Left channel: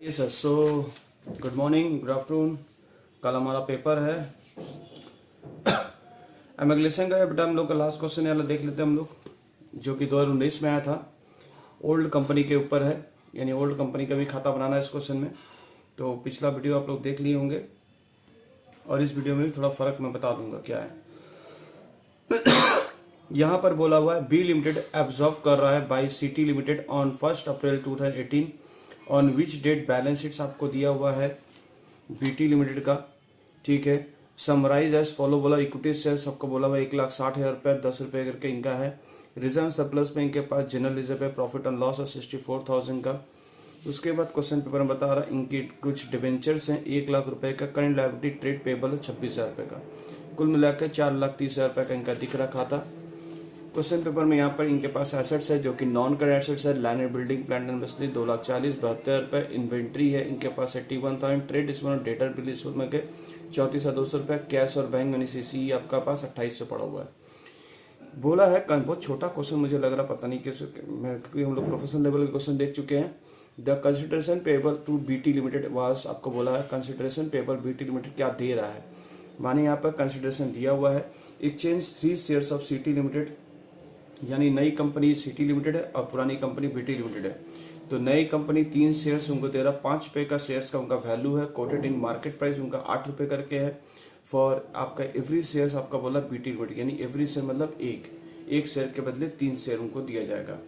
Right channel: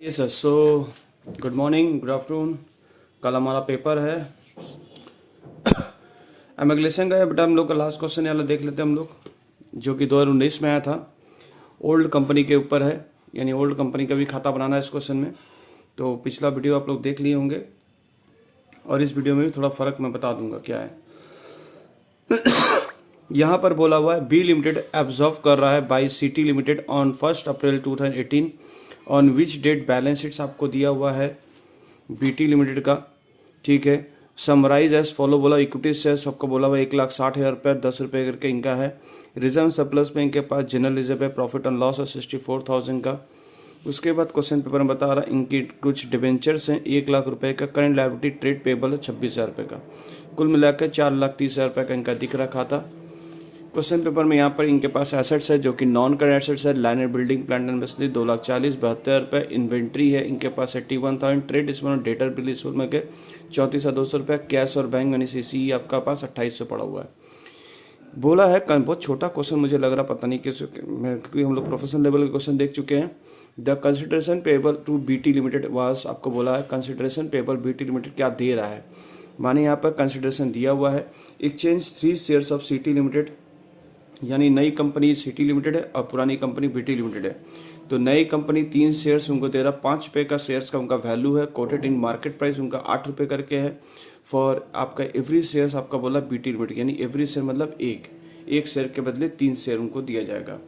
Yes sir. So good morning, good afternoon. कल हमारा paper है एमिग्रेशन का है, बट हम लोग का लास्ट क्वेश्चन वाला देख लेते हैं हम लोग, जो कि 2019 में आया था। ओल्ड कंपनी के ऊपर है, यानी ओल्ड कंपनी का भी खाता बनाना है इस क्वेश्चन में। तो पिछला वीडियो आप लोग देख लिए होंगे और इस वीडियो में भी थोड़ा फ़र्क मैं बता दूंगा क्या है। यहाँ पर बोला हुआ है बी लिमिटेड एब्जॉर्व कर रहा है by city limited on 1 April 2018 on which date balance sheets आपको दिया हुआ है बीटी लिमिटेड का। ठीक है, समराइज एज फॉलो बोला। इक्विटी शेयर्स आपको बोला हुआ 1,60,000 रुपये, 10 रुपये करके इनका है। रिजर्व सरप्लस में इनके पास जनरल रिजर्व है, प्रॉफिट एंड लॉस है 64,000 का। उसके बाद क्वेश्चन पेपर में बता रहा इनकी कुछ डिवेंचर्स हैं 1,00,000 रुपये का। करंट लायबिलिटी ट्रेड पेबल है 26,000 रुपये का। कुल मिलाकर 4,30,000 रुपये का इनका दिख रखा था। क्वेश्चन पेपर में यहाँ पर इनके पास एसेट्स है जो कि नॉन करंट एसेट्स है। Land and building, plant and machinery 2,40,72 रुपये। इन्वेंट्री है इनके पास 81,000। ट्रेड इसमें डेटर बिल इसमें के 34,200 रुपये। कैश और बैंक यानी सीसी आपका पास 2800 पड़ा हुआ है। बोला है बहुत छोटा क्वेश्चन मुझे लग रहा, पता नहीं क्योंकि हम लोग प्रोफेशनल लेवल के क्वेश्चन देख चुके हैं। The consideration payable to BT limited was, आपको बोला है कंसिडरेशन पेबल बीटी लिमिटेड क्या दे रहा है। माने यहाँ पर कंसिडरेशन दिया हुआ है exchange 3 shares of city limited, यानी नई कंपनी सिटी लिमिटेड है और पुरानी कंपनी बीटी लिमिटेड है। तो नई कंपनी 3 शेयर्स उनको दे रहा, 5 रुपये का शेयर्स का उनका वैल्यू है। कोटेड इन मार्केट प्राइस उनका 8 रुपये करके है। फॉर आपका एवरी शेयर्स आपका बोला बीटी लिमिटेड, यानी एवरी शेयर मतलब एक शेयर के बदले 3 शेयर उनको दिया जाएगा।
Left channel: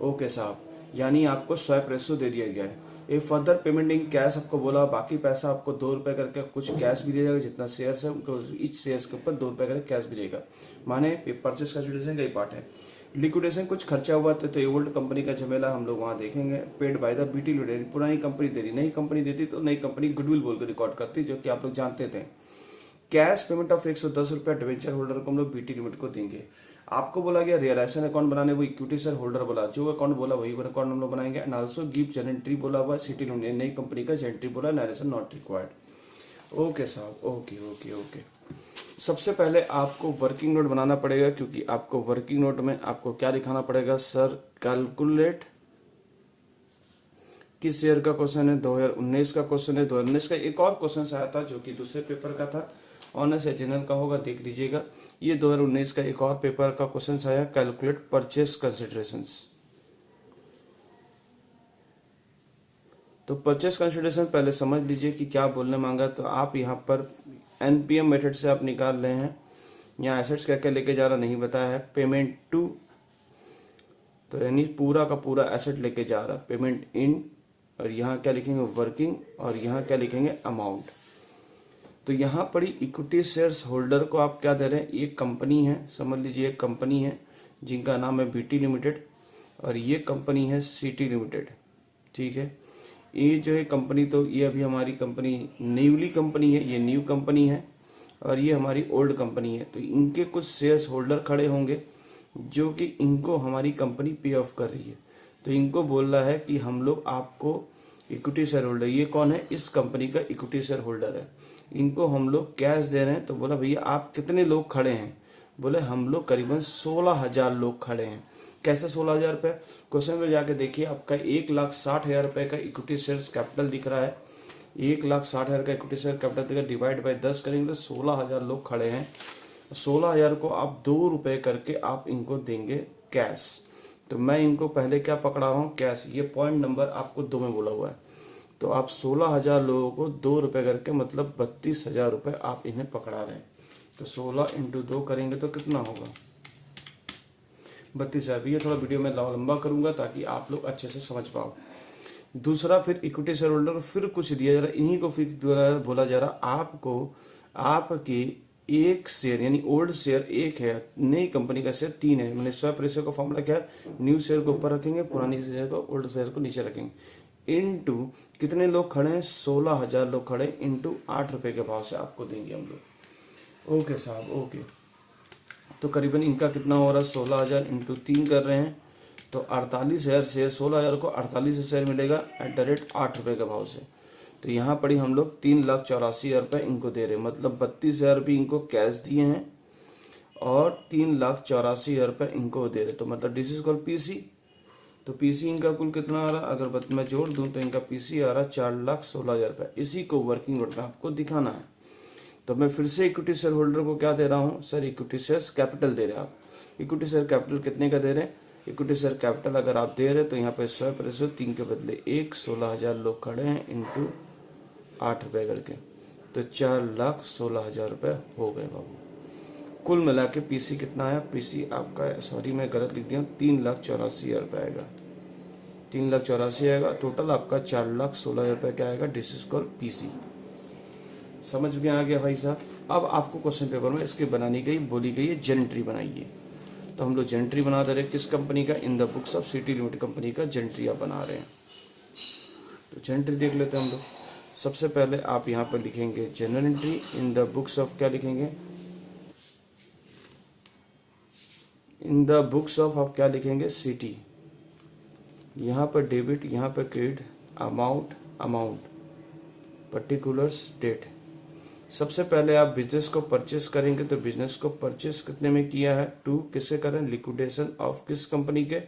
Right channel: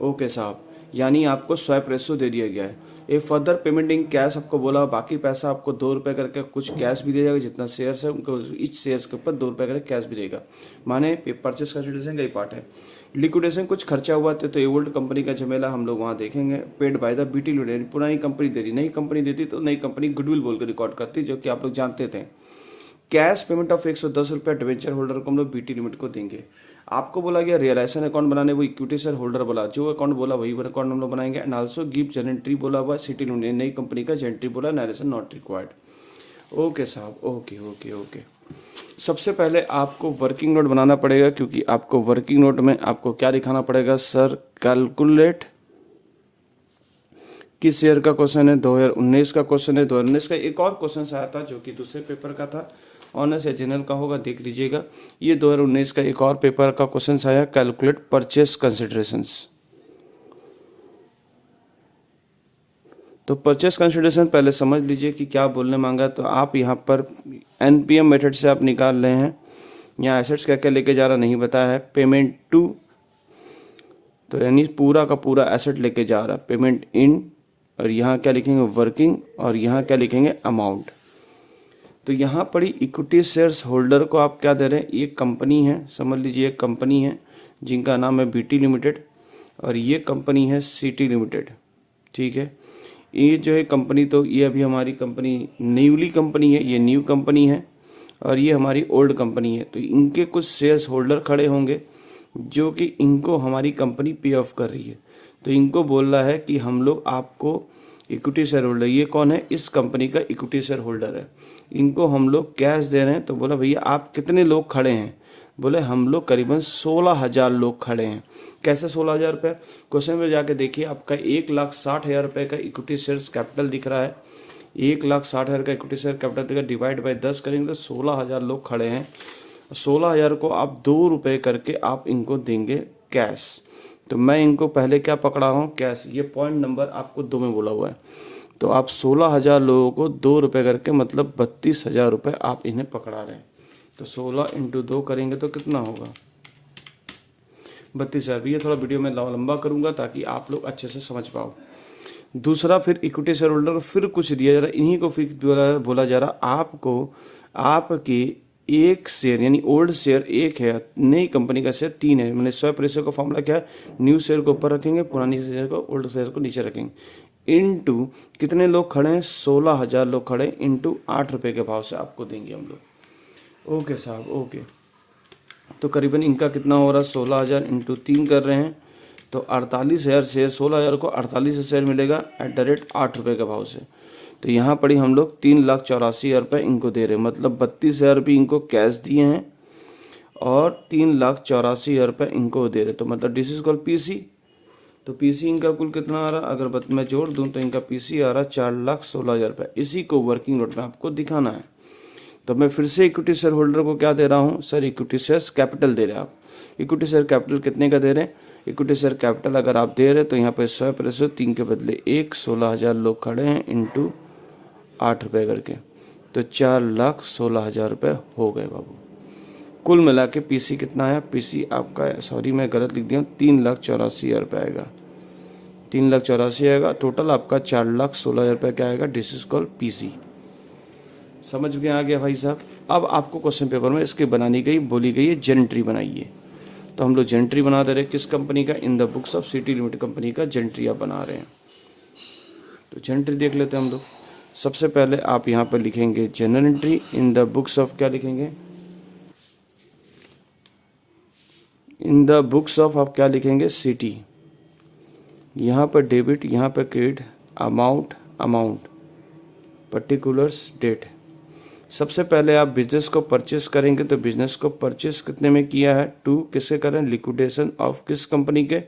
ओके साहब, यानी आपको स्वैप रेशो दे दिया गया है। ए फर्दर पेमेंट इन कैश आपको बोला, बाकी पैसा आपको 2 रुपये करके कुछ कैश भी दिया जाएगा। जितना शेयर्स है उनको इस शेयर्स के ऊपर 2 रुपये करके कैश भी देगा। माने परचेस कंसिडरेशन का ही पार्ट है। लिक्विडेशन कुछ खर्चा हुआ तो ये ओल्ड कंपनी का झमेला हम लोग वहाँ देखेंगे। Paid by the BT limited, पुरानी कंपनी दे रही, नई कंपनी देती तो नई कंपनी गुडविल बोल कर रिकॉर्ड करती, जो कि आप लोग जानते थे। कैश पेमेंट ऑफ 110 रुपये डिवेंचर होल्डर को हम लोग बीटी लिमिटेड को देंगे। आपको बोला गया रियलाइजेशन अकाउंट बनाने, वो इक्विटी शेयर होल्डर बोला, जो अकाउंट बोला वही अकाउंट हम लोग बनाएंगे। एंड ऑल्सो गिव जेनेंट्री बोला हुआ सिटी लिमिटेड, नई कंपनी का जेनेंट्री बोला, नरेशन नॉट रिक्वायर्ड। ओके साहब, ओके ओके ओके। सबसे पहले आपको वर्किंग नोट बनाना पड़ेगा, क्योंकि आपको वर्किंग नोट में आपको क्या दिखाना पड़ेगा सर, कैलकुलेट किस शेयर का क्वेश्चन है, 2019 का क्वेश्चन है। 2019 का एक और क्वेश्चन आया था जो कि दूसरे पेपर का था, ऑनर्स या जनरल का होगा, देख लीजिएगा। ये 2019 का एक और पेपर का क्वेश्चन आया, कैलकुलेट परचेस कंसिडरेशंस। तो परचेस कंसिडरेशन पहले समझ लीजिए कि क्या बोलने मांगा। तो आप यहाँ पर एनपीएम मेथड से आप निकाल रहे हैं। यहाँ एसेट्स क्या क्या लेके जा रहा नहीं बताया है। पेमेंट टू, तो यानी पूरा का पूरा एसेट लेके जा रहा। पेमेंट इन, और यहाँ क्या लिखेंगे वर्किंग, और यहाँ क्या लिखेंगे अमाउंट। तो यहाँ पड़ी इक्विटी शेयर्स होल्डर को आप क्या दे रहे हैं, ये कंपनी है, समझ लीजिए एक कंपनी है जिनका नाम है बीटी लिमिटेड, और ये कंपनी है सिटी लिमिटेड। ठीक है, ये जो है कंपनी, तो ये अभी हमारी कंपनी न्यूली कंपनी है, ये न्यू कंपनी है, और ये हमारी ओल्ड कंपनी है। तो इनके कुछ शेयर्स होल्डर खड़े होंगे जो कि इनको हमारी कंपनी पे ऑफ कर रही है। तो इनको बोल रहा है कि हम लोग आपको इक्विटी शेयर होल्डर, ये कौन है, इस कंपनी का इक्विटी शेयर होल्डर है, इनको हम लोग कैश दे रहे हैं। तो बोला भैया आप कितने लोग खड़े हैं, बोले हम लोग करीबन 16,000 लोग खड़े हैं। कैसे 16,000 रुपये, क्वेश्चन में जाके देखिए, आपका 1,60,000 रुपये का इक्विटी शेयर्स कैपिटल दिख रहा है। 1,60,000 का इक्विटी शेयर कैपिटल दिखा, डिवाइड बाय 10 करेंगे तो 16,000 लोग खड़े हैं। 16,000 को आप 2 रुपये करके आप इनको देंगे कैश। तो मैं इनको पहले क्या पकड़ा हूँ, कैश। ये पॉइंट नंबर आपको 2 में बोला हुआ है। तो आप 16,000 लोगों को 2 रुपये करके मतलब 32,000 रुपये आप इन्हें पकड़ा रहे हैं। तो 16 × 2 करेंगे तो कितना होगा, 32,000। ये थोड़ा वीडियो में लंबा करूंगा ताकि आप लोग अच्छे से समझ पाओ। दूसरा, फिर इक्विटी शेयर होल्डर को फिर कुछ दिया जा रहा है, इन्हीं को फिर बोला जा रहा आपको, आपकी एक शेयर यानी ओल्ड शेयर 1 है, नई कंपनी का शेयर 3 है। मैंने स्वैप रेशियो का फॉर्मूला क्या है, न्यू शेयर को ऊपर रखेंगे, पुरानी शेयर को, ओल्ड शेयर को नीचे रखेंगे। इनटू कितने लोग खड़े हैं, 16,000 लोग खड़े, इनटू 8 रुपये के भाव से आपको देंगे हम लोग। ओके साहब, ओके। तो करीबन इनका कितना हो रहा है, 16,000 × 3 कर रहे हैं तो 48,000 शेयर, 16,000 को 48 शेयर मिलेगा @ 8 रुपये के भाव से। तो यहाँ पड़ी हम लोग 3,84,000 रुपये इनको दे रहे हैं, मतलब 32,000 रुपये इनको कैश दिए हैं और 3,84,000 रुपये इनको दे रहे। तो मतलब दिस इज कॉल्ड पीसी। तो पीसी इनका कुल कितना आ रहा, अगर मैं जोड़ दूं तो इनका पीसी आ रहा 4,16,000 रुपये। इसी को वर्किंग नोट में आपको दिखाना है। तो मैं फिर से इक्विटी शेयर होल्डर को क्या दे रहा हूँ सर, इक्विटी शेयर कैपिटल दे रहे हैं आप। इक्विटी शेयर कैपिटल कितने का दे रहे हैं, इक्विटी शेयर कैपिटल अगर आप दे रहे हैं तो यहाँ पे 100% 3 के बदले 1, 16,000 लोग खड़े हैं इंटू 8 रुपये करके, तो 4,16,000 रुपये हो गए बाबू। कुल मिला के पीसी कितना आया, पीसी आपका, सॉरी मैं गलत लिख दिया, 3,84,000 रुपये आएगा, 3,84,000 आएगा। टोटल आपका 4,16,000 रुपये क्या आएगा, दिस इज कॉल्ड पीसी। समझ में आ गया भाई साहब। अब आपको क्वेश्चन पेपर में इसके बनानी गई, बोली गई है जेंट्री बनाइए। तो हम लोग जेंट्री बना दे रहे हैं, किस कंपनी का, in the books of city limited company का जेंट्री आप बना रहे हैं। तो जेंट्री देख लेते हैं हम लोग। सबसे पहले आप यहाँ पर लिखेंगे general entry in the books of, क्या लिखेंगे, इन द बुक्स ऑफ आप क्या लिखेंगे, सिटी। यहाँ पर डेबिट, यहाँ पर क्रेडिट, अमाउंट, पर्टिकुलर्स, डेट। सबसे पहले आप बिजनेस को परचेस करेंगे, तो बिजनेस को परचेस कितने में किया है, 2, किससे करें, लिक्विडेशन ऑफ किस कंपनी के,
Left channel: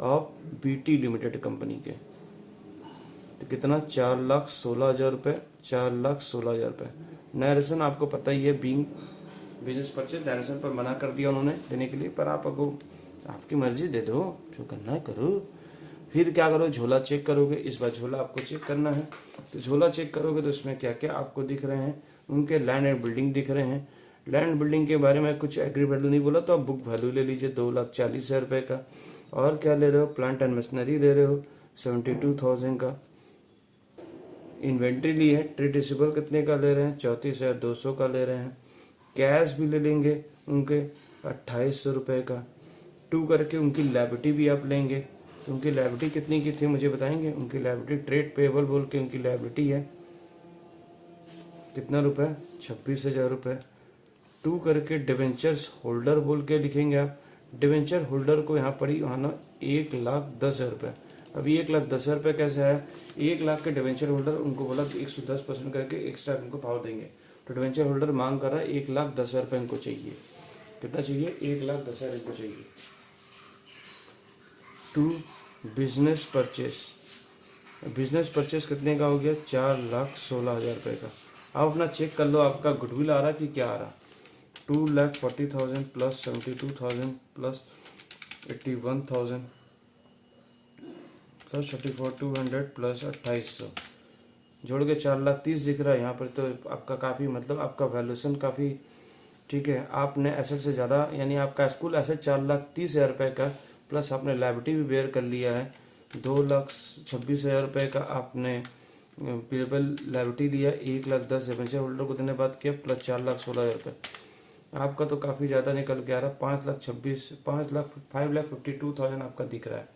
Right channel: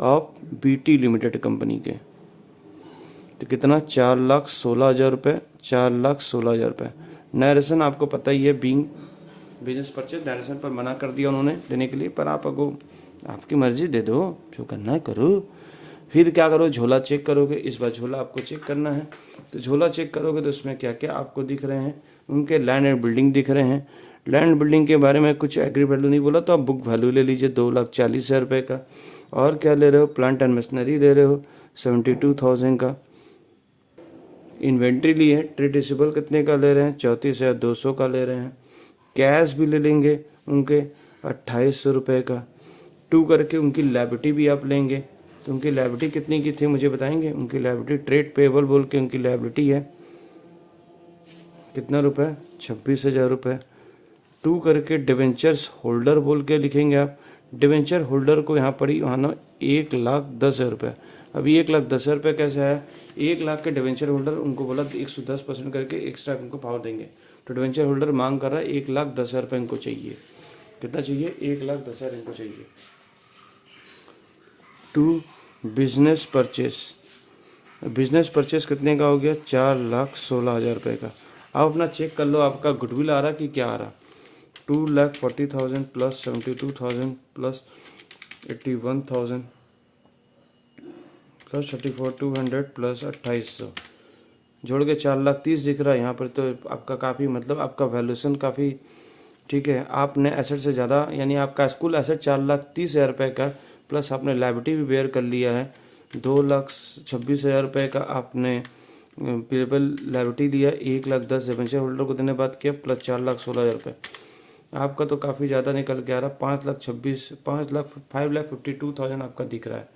ऑफ बीटी लिमिटेड कंपनी के। तो कितना, 4,16,000 रुपये, 4,16,000 रुपये। नरेशन आपको पता ही है, बीइंग बिजनेस परचेज, नरेशन पर मना कर दिया उन्होंने देने के लिए, पर आप अगो आपकी मर्जी दे दो, जो करना है करो। फिर क्या करो, झोला चेक करोगे, इस बार झोला आपको चेक करना है। तो झोला चेक करोगे तो उसमें क्या क्या आपको दिख रहे हैं, उनके लैंड एंड बिल्डिंग दिख रहे हैं। लैंड बिल्डिंग के बारे में कुछ एग्री वैल्यू नहीं बोला, तो आप बुक वैल्यू ले लीजिए 2,40,000 रुपये का। और क्या ले रहे हो, प्लांट एंड मशीनरी ले रहे हो 72,000 का। इन्वेंट्री लिए हैं, ट्रेड रिसीवेबल कितने का ले रहे हैं, 34,200 का ले रहे हैं। कैश भी ले लेंगे उनके 2,800 रुपये का। 2 करके उनकी लायबिलिटी भी आप लेंगे, तो उनकी लायबिलिटी कितनी की थी मुझे बताएंगे। उनकी लायबिलिटी ट्रेड पेबल बोल के उनकी लायबिलिटी है कितना रुपए, 26,000 रुपये। 2 करके डिवेंचर्स होल्डर बोल के लिखेंगे आप। डिवेंचर होल्डर को यहाँ पड़ी वहाँ ना 1,10,000 रुपये। अभी 1,10,000 रुपये कैसे आया, 1 लाख के डिवेंचर होल्डर, उनको बोला कि 110% करके एक्स्ट्रा उनको पावर देंगे। तो डिवेंचर होल्डर मांग कर रहा है 1,10,000 रुपये इनको चाहिए। कितना चाहिए, 1,10,000 इनको चाहिए। 2 बिजनेस परचेस, बिजनेस परचेस कितने का हो गया, 4,16,000 रुपये का। आप अपना चेक कर लो, आपका गुडविल आ रहा कि क्या आ रहा। 2,40,000 प्लस 72,000 प्लस 81,000 प्लस 34,200 प्लस 2,800 जोड़ के 4,30,000 दिख रहा है यहाँ पर। तो आपका काफ़ी, मतलब आपका वैल्यूएशन काफ़ी ठीक है। आपने एसेट से ज़्यादा, यानी आपका कुल एसेट 4,30,000 रुपये का, प्लस आपने लायबिलिटी भी बेयर कर लिया है 2,26,000 रुपये का। आपने पेबल लायबिलिटी लिया 1,10,000 डिवेंचर होल्डर को देने बाद किया, प्लस 4,16,000 रुपये। आपका तो काफ़ी ज़्यादा निकल के आ रहा, 5,52,000 आपका दिख रहा है।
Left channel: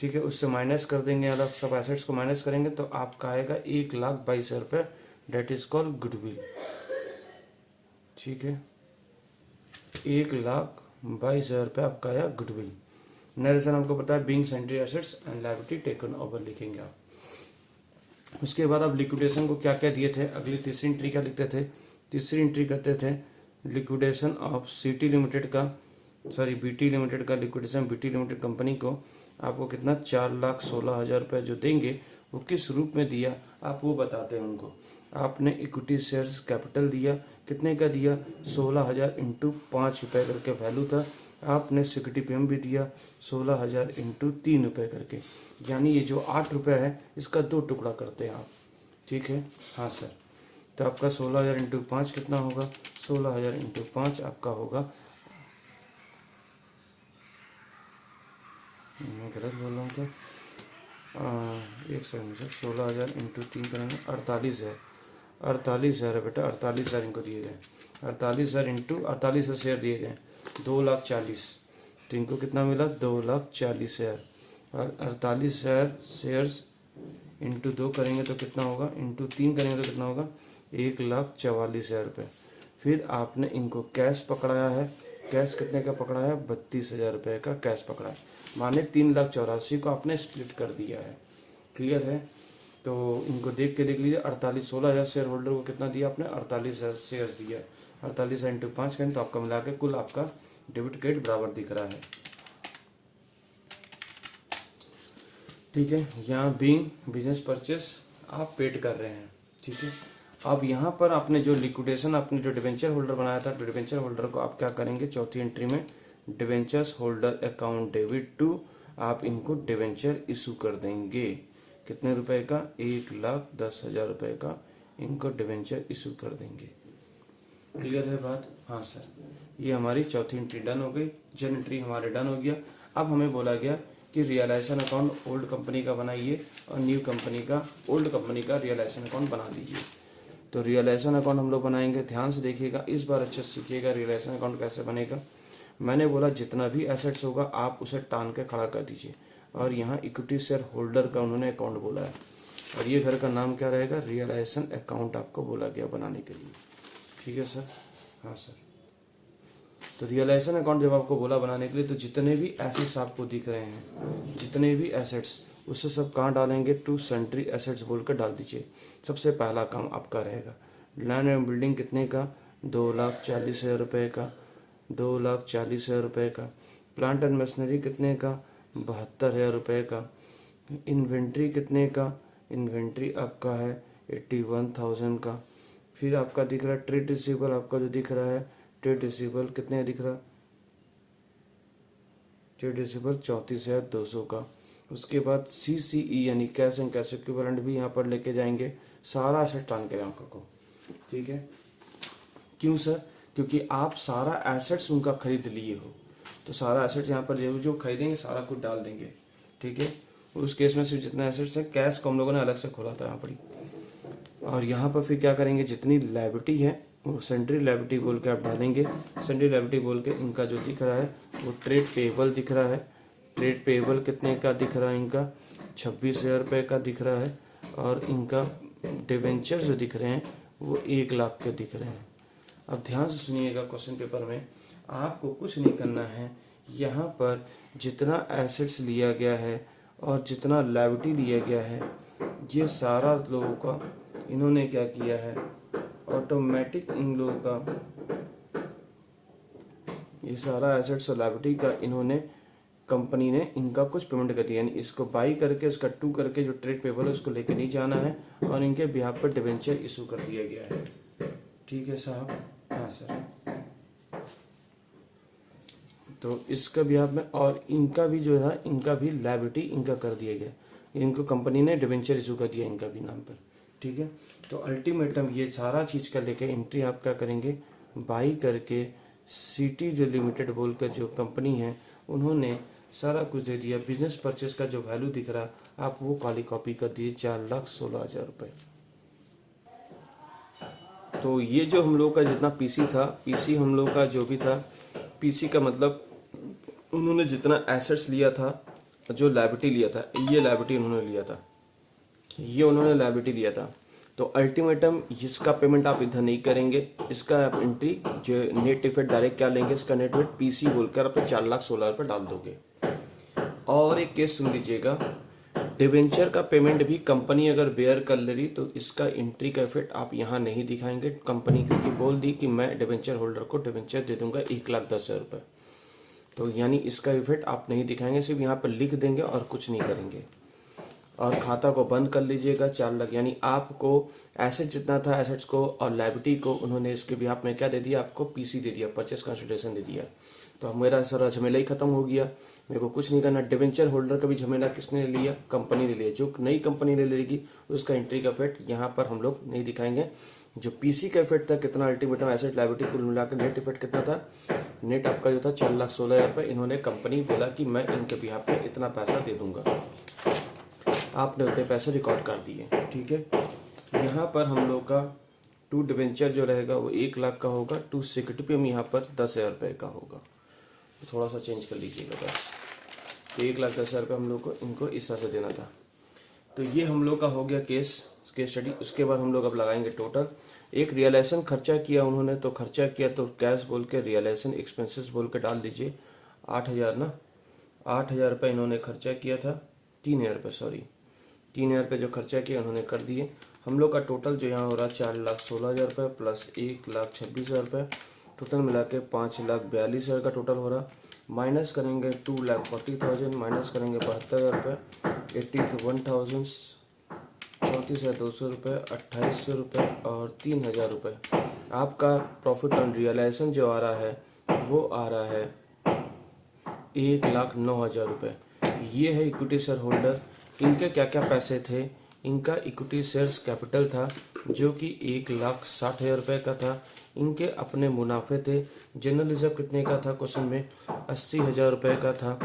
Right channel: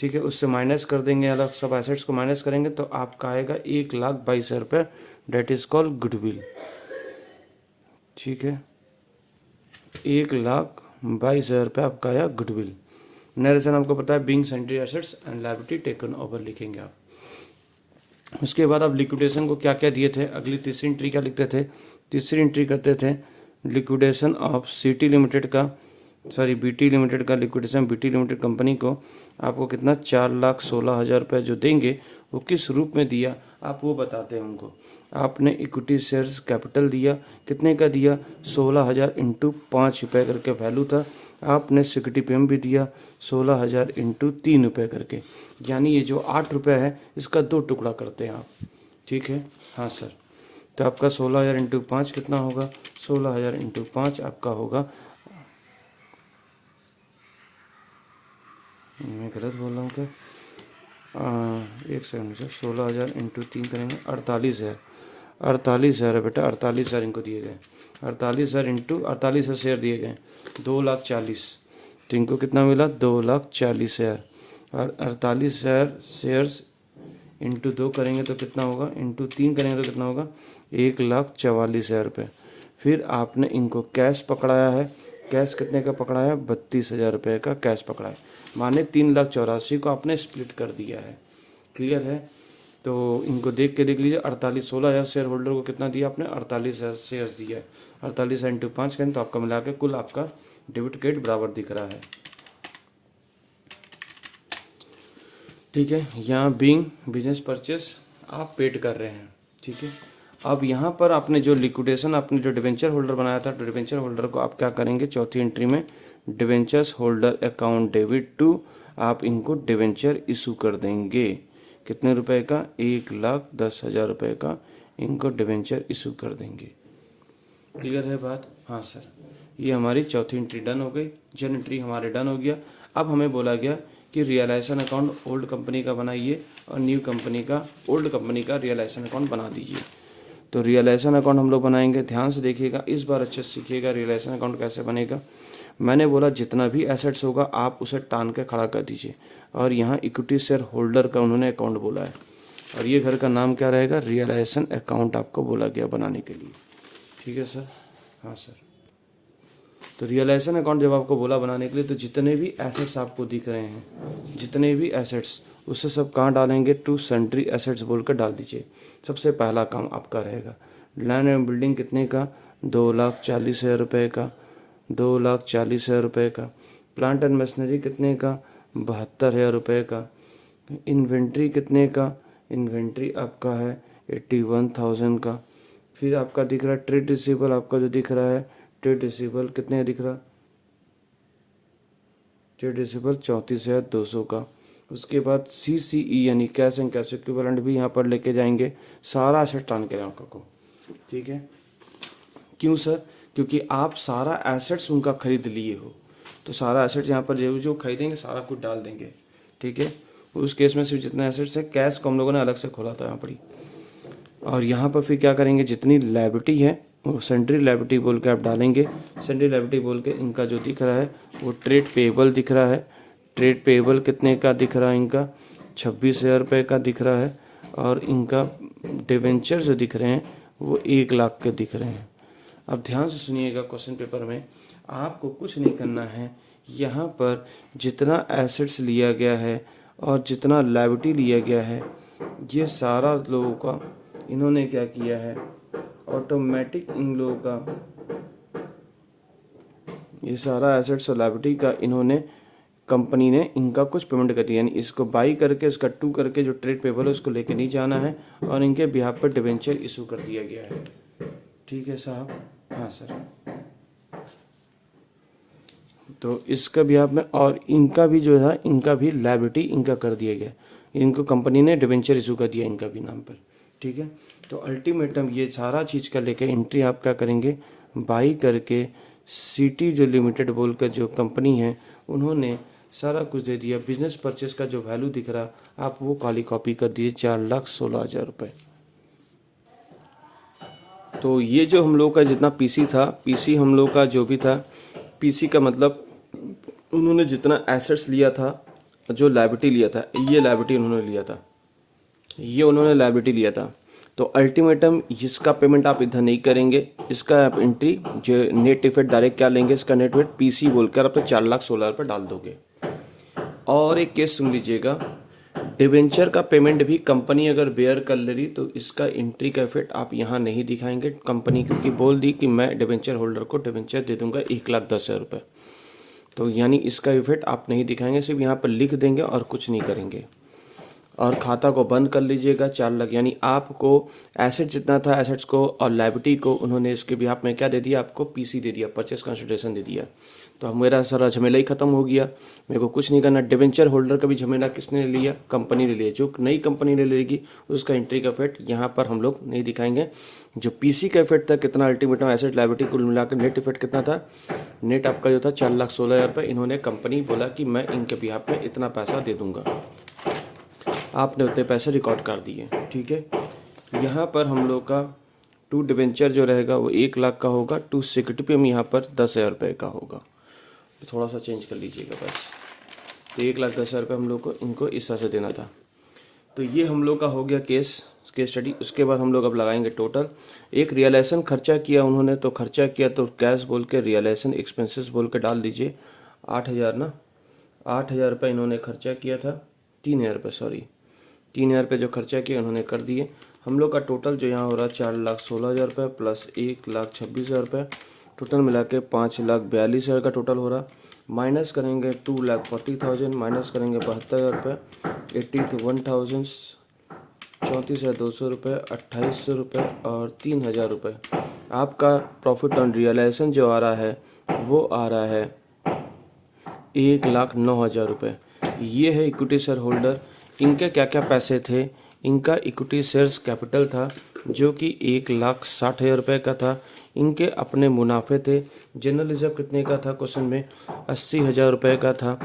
ठीक है, उससे माइनस कर देंगे, अलग सब एसेट्स को माइनस करेंगे तो आपका आएगा 1,22,000 रुपये। That is called goodwill. ठीक है, 1,22,000 रुपये आपका आया गुडविल। नरेशन आपको पता है, being sundry assets and liability taken over लिखेंगे आप। उसके बाद आप लिक्विडेशन को क्या क्या दिए थे, अगली तीसरी एंट्री क्या लिखते थे, तीसरी एंट्री करते थे लिक्विडेशन ऑफ सिटी लिमिटेड का, सॉरी बीटी लिमिटेड का लिक्विडेशन, बीटी लिमिटेड कंपनी को आपको कितना 4,16,000 रुपये जो देंगे वो किस रूप में दिया आप वो बताते हैं उनको। आपने इक्विटी शेयर्स कैपिटल दिया, कितने का दिया, 16,000 इंटू 5 रुपये करके वैल्यू था। आपने सिक्योरिटी पेमेंट भी दिया 16,000 इंटू 3 रुपये करके, यानी ये जो 8 रुपये है इसका 2 टुकड़ा करते हैं आप। ठीक है, हाँ सर। तो आपका 16,000 इंटू 5 कितना होगा, 16,000 इंटू 5 आपका होगा, मैं गलत बोल रहा हूँ क्या, एक सेकंड मुझे, 16,000 इंटू 3 करेंगे 48,000, 48,000 है बेटा, 48,000 इनको दिए गए, 48,000 इंटू 48,000 शेयर दिए गए 2,40,000। तो इनको कितना मिला, 2,40,000। और 48,000 शेयर्स इंटू 2 करेंगे तो कितना होगा, इंटू 3 करेंगे तो कितना होगा, 1,44,000 रुपये। फिर आपने इनको कैश पकड़ाया है, कैश कितने का पकड़ा है, 32,000 रुपये का कैश पकड़ा है, माने 3,84,000 को आपने स्प्लिट कर दिया है। क्लियर है, तो इनको देख के देख लीजिए, 16,000 शेयर होल्डर को कितना दिया आपने, 48,000 शेयर्स दिया है। 48,000 इंटू 5 करें तो आपका मिला के कुल आपका डेबिट क्रेडिट बराबर दिख रहा है। ठीक है। यहाँ बीइंग बिजनेस परचेस आप पेड कर रहे हैं, ठीक है। अब यहाँ पर आपने जो लिक्विडेशन, आपने जो डिवेंचर होल्डर बनाया था, तो डिवेंचर होल्डर को आप क्या करेंगे, चौथी एंट्री में debentures holder account debit to, आप इनको डिवेंचर इशू कर देंगे। कितने रुपए का, 1,10,000 रुपये का इनको डिवेंचर इशू कर देंगे। क्लियर है बात? हाँ सर। ये हमारी चौथी एंट्री डन हो गई, जन एंट्री हमारे डन हो गया। अब हमें बोला गया कि रियलाइजेशन अकाउंट ओल्ड कंपनी का बनाइए और न्यू कंपनी का, ओल्ड कंपनी का रियलाइजेशन अकाउंट बना दीजिए। तो रियलाइजेशन अकाउंट हम लोग बनाएंगे। ध्यान से देखिएगा, इस बार अच्छे से सीखिएगा रियलाइजेशन अकाउंट कैसे बनेगा। मैंने बोला जितना भी एसेट्स होगा आप उसे टान के खड़ा कर दीजिए, और यहाँ इक्विटी शेयर होल्डर का उन्होंने अकाउंट बोला है, और ये घर का नाम क्या रहेगा, रियलाइजेशन अकाउंट आपको बोला गया बनाने के लिए। ठीक है सर? हाँ सर। तो रियलाइजेशन अकाउंट जब आपको बोला बनाने के लिए, तो जितने भी एसेट्स आपको दिख रहे हैं, जितने भी एसेट्स, उससे सब कहाँ डालेंगे, टू सन्ड्री एसेट्स बोल कर डाल दीजिए। सबसे पहला काम आपका रहेगा लैंड एंड बिल्डिंग कितने का, 2,40,000 रुपये का, 2,40,000 रुपये का। प्लांट एंड मशीनरी कितने का, 72,000 रुपये का। इन्वेंट्री कितने का, इन्वेंट्री आपका है 81,000 का। फिर आपका दिख रहा है ट्रेड रिसीवेबल, आपका जो दिख रहा है ट्रेड रिसीवेबल कितने दिख रहा, ट्रेड रिसीवेबल 34,200 का। उसके बाद CCE यानी कैश एंड कैश इक्विवेलेंट भी यहाँ पर लेके जाएंगे, सारा एसेट टान के आपका को। ठीक है। क्यों सर? क्योंकि आप सारा एसेट्स उनका खरीद लिए हो, तो सारा एसेट्स यहाँ पर जो खरीदेंगे सारा कुछ डाल देंगे। ठीक है। उस केस में सिर्फ जितना एसेट्स है, कैश को हम लोगों ने अलग से खोला था यहाँ पर ही। और यहाँ पर फिर क्या करेंगे, जितनी लायबिलिटी है वो सेंट्री लायबिलिटी बोल के आप डालेंगे। सेंट्री लायबिलिटी बोल के इनका जो दिख रहा है वो ट्रेड पेएबल दिख रहा है। ट्रेड पेएबल कितने का दिख रहा है, इनका 26,000 रुपये का दिख रहा है। और इनका डिवेंचर जो दिख रहे हैं वो 1 लाख के दिख रहे हैं। अब ध्यान से सुनिएगा, क्वेश्चन पेपर में आपको कुछ नहीं करना है। यहाँ पर जितना एसेट्स लिया गया है और जितना लायबिलिटी लिया गया है, ये सारा लोगों का इन्होंने क्या किया है, ऑटोमेटिक इन लोगों का ये सारा एसेट्स और लायबिलिटी का इन्होंने, कंपनी ने इनका कुछ पेमेंट कर दिया। यानी इसको बाई करके, इसका टू करके जो ट्रेड पेबल है उसको लेके नहीं जाना है, और इनके बिहाफ पर डिवेंचर इशू कर दिया गया है। ठीक है साहब? हाँ सर। तो इसका बिहाफ में, और इनका भी जो है, इनका भी लायबिलिटी इनका कर दिया गया, इनको कंपनी ने डिवेंचर इशू कर दिया इनका भी नाम पर। ठीक है। तो अल्टीमेटम ये सारा चीज़ का लेके एंट्री आप क्या करेंगे, बाई करके सिटी जो लिमिटेड बोलकर जो कंपनी है उन्होंने सारा कुछ दे दिया। बिजनेस परचेस का जो वैल्यू दिख रहा आप वो काली कॉपी कर दीजिए, 4,16,000 रुपये। तो ये जो हम लोग का जितना पीसी था, पीसी हम लोग का जो भी था, पीसी का मतलब उन्होंने जितना एसेट्स लिया था, जो लायबिलिटी लिया था, ये लायबिलिटी उन्होंने लिया था, ये उन्होंने लायबिलिटी लिया था। तो अल्टीमेटम इसका पेमेंट आप इधर नहीं करेंगे, इसका आप एंट्री जो नेट इफेक्ट डायरेक्ट क्या लेंगे, इसका नेट इफेक्ट पीसी बोलकर आप 4,16,000 रुपये डाल दोगे। और एक केस सुन लीजिएगा, डिवेंचर का पेमेंट भी कंपनी अगर बेयर कर ले रही तो इसका एंट्री का इफेक्ट आप यहाँ नहीं दिखाएंगे। कंपनी क्योंकि बोल दी कि मैं डिवेंचर होल्डर को डिवेंचर दे दूंगा 1,10,000 रुपये, तो यानी इसका इफेक्ट आप नहीं दिखाएंगे, सिर्फ यहाँ पर लिख देंगे और कुछ नहीं करेंगे। और खाता को बंद कर लीजिएगा 4 लाख। यानी आपको एसेट जितना था, एसेट्स को और लायबिलिटी को उन्होंने इसके बिहाफ में क्या दे दिया, आपको पीसी दे दिया, परचेस कंसिडरेशन दे दिया। तो मेरा सारा झमेला ही खत्म हो गया, मेरे को कुछ नहीं करना। डिवेंचर होल्डर का भी झमेला किसने ले लिया, कंपनी ने लिया। जो नई कंपनी ने लेगी उसका एंट्री का इफेक्ट यहाँ पर हम लोग नहीं दिखाएंगे। जो पीसी का इफेक्ट था, कितना अल्टीमेटम एसेट लायबिलिटी कुल मिलाकर नेट इफेक्ट कितना था, नेट आपका जो था 4,16,000 रुपये। इन्होंने कंपनी बोला कि मैं इनके बिहाफ में इतना पैसा दे दूंगा, आपने उतने पैसे रिकॉर्ड कर दिए। ठीक है। यहाँ पर हम लोग का टू डिवेंचर जो रहेगा वो 1 लाख का होगा, टू सिक्योरिटी पे हम यहाँ पर 10,000 रुपये का होगा। थोड़ा सा चेंज कर लीजिएगा बस। तो 1,10,000 रुपये हम लोग को इनको इस तरह से देना था। तो ये हम लोग का हो गया केस स्टडी। उसके बाद हम लोग अब लगाएंगे टोटल। एक रियलाइजेशन खर्चा किया उन्होंने, तो खर्चा किया तो कैश बोल के रियलाइजेशन एक्सपेंसेस बोल के डाल दीजिए। 8,000 ना, 8,000 रुपये इन्होंने खर्चा किया था, 3,000 रुपये, सॉरी 3,000 रुपये जो खर्चा किया उन्होंने कर दिए। हम लोग का टोटल जो यहाँ हो रहा है 4,16,000 रुपये प्लस 1,26,000 रुपये, टोटल मिला के 5,42,000 का टोटल हो रहा। माइनस करेंगे 2,40,000, माइनस करेंगे 72,000 रुपये, 80 तो 1000, 34,200 रुपये, 2800 रुपये और 3000 रुपये। आपका प्रॉफिट ऑन रियलाइजेशन जो आ रहा है वो आ रहा है 1,09,000 रुपये। ये है इक्विटी शेयर होल्डर। इनके क्या क्या पैसे थे? इनका इक्विटी शेयर्स कैपिटल था जो कि 1,60,000 रुपये का था। इनके अपने मुनाफे थे। जनरल रिजर्व कितने का था क्वेश्चन में? 80,000 रुपये का था।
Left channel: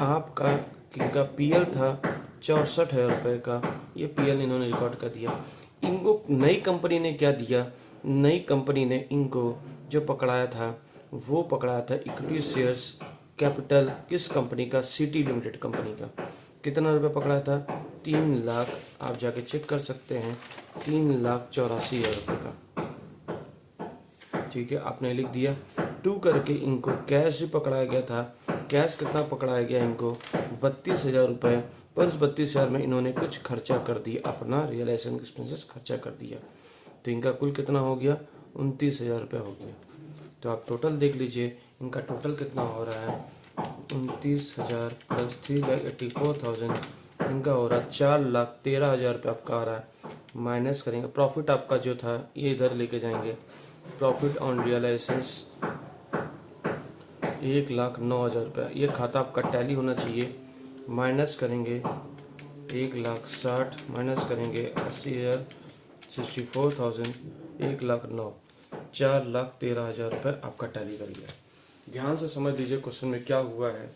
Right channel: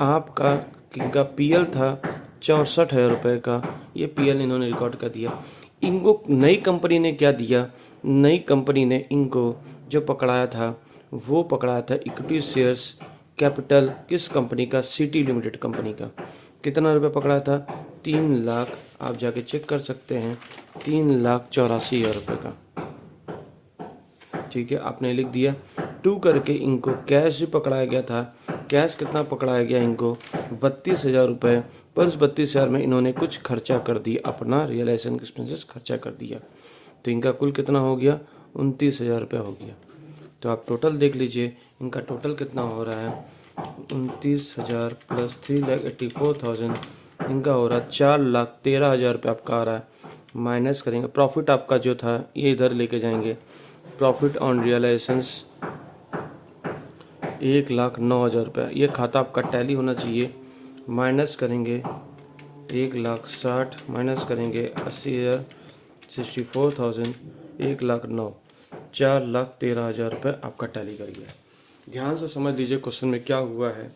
आपका इनका पीएल था 64,000 रुपये का। ये पीएल इन्होंने रिकॉर्ड कर दिया। इनको नई कंपनी ने क्या दिया? नई कंपनी ने इनको जो पकड़ाया था वो पकड़ाया था इक्विटी शेयर्स कैपिटल। किस कंपनी का? सिटी लिमिटेड कंपनी का। कितना रुपये पकड़ा था? 3 लाख, आप जाके चेक कर सकते हैं, 3,84,000 रुपये का। ठीक है, आपने लिख दिया 2 करके। इनको कैश भी पकड़ाया गया था। कैश कितना पकड़ाया गया इनको? 32,000 रुपये। पर उस 32,000 में इन्होंने कुछ खर्चा कर दिया, अपना रियलाइजेशन एक्सपेंसेस खर्चा कर दिया। तो इनका कुल कितना हो गया? 29,000 रुपये हो गया। तो आप टोटल देख लीजिए, इनका टोटल कितना हो रहा है? 29,000 प्लस 3,84,000, इनका हो रहा है 4,13,000 रुपये आपका आ रहा है। माइनस करेंगे, प्रॉफिट आपका जो था ये इधर लेके जाएंगे। प्रॉफिट ऑन रियलाइजेशंस 1,09,000 रुपये। ये खाता आपका टैली होना चाहिए। माइनस करेंगे 1,60,000, माइनस करेंगे 80,000, 64,000, 1,09,000, 4,13,000 रुपये आपका टैली कर गया। ध्यान से समझ लीजिए क्वेश्चन में क्या हुआ है।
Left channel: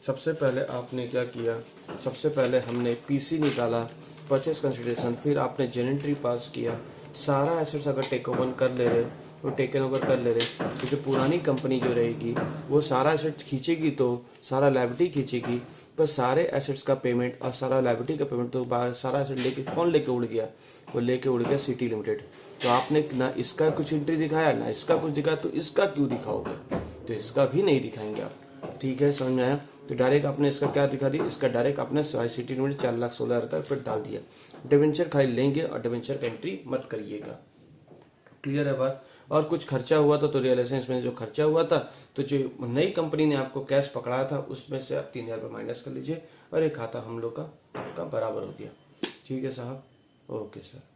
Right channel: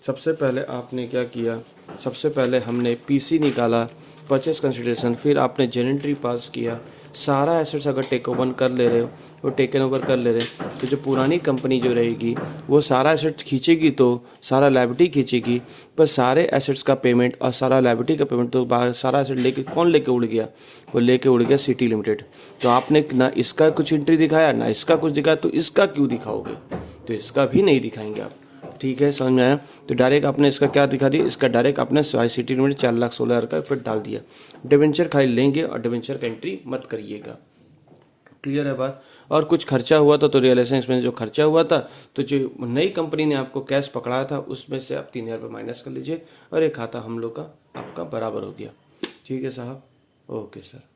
सबसे पहले आपने क्या किया? सबसे पहले हमने पीसी निकाला, परचेस कंसिडरेशन, फिर आपने जेनेंट्री पास किया। सारा एसेट्स अगर टेक ओवर कर ले रहे हो, वो टेकन ओवर कर ले रहे हो, तो जो पुरानी कंपनी जो रहेगी वो सारा एसेट खींचेगी तो सारा लायबिलिटी खींचेगी। पर सारे एसेट्स का पेमेंट और सारा लायबिलिटी का पेमेंट तो सारा एसेट लेके कौन लेके उड़ गया? वो लेके उड़ गया सिटी लिमिटेड। तो आपने ना इसका कुछ एंट्री दिखाया ना इसका कुछ दिखाया, तो इसका क्यों दिखाओगे? तो इसका भी नहीं दिखाएंगे आप। ठीक है, समझ में आया? तो डायरेक्ट आपने इसका क्या दिखा दिया? इसका डायरेक्ट आपने सिटी लिमिटेड 4,16,000 का फिर डाल दिया। डिबेंचर खाली लेंगे और डिबेंचर का एंट्री मत करिएगा। क्लियर है बात? और कुछ खर्चा हुआ था तो रियलाइजेशन एक्सपेंस जो खर्चा हुआ था, तो जो नई कंपनी ने आपको कैश पकड़ाया था उसमें से आप 3,000 रुपये माइनस कर लीजिए और एक खाता हम लोग का आपका बराबर हो गया। ठीक है साहब, ओके सर।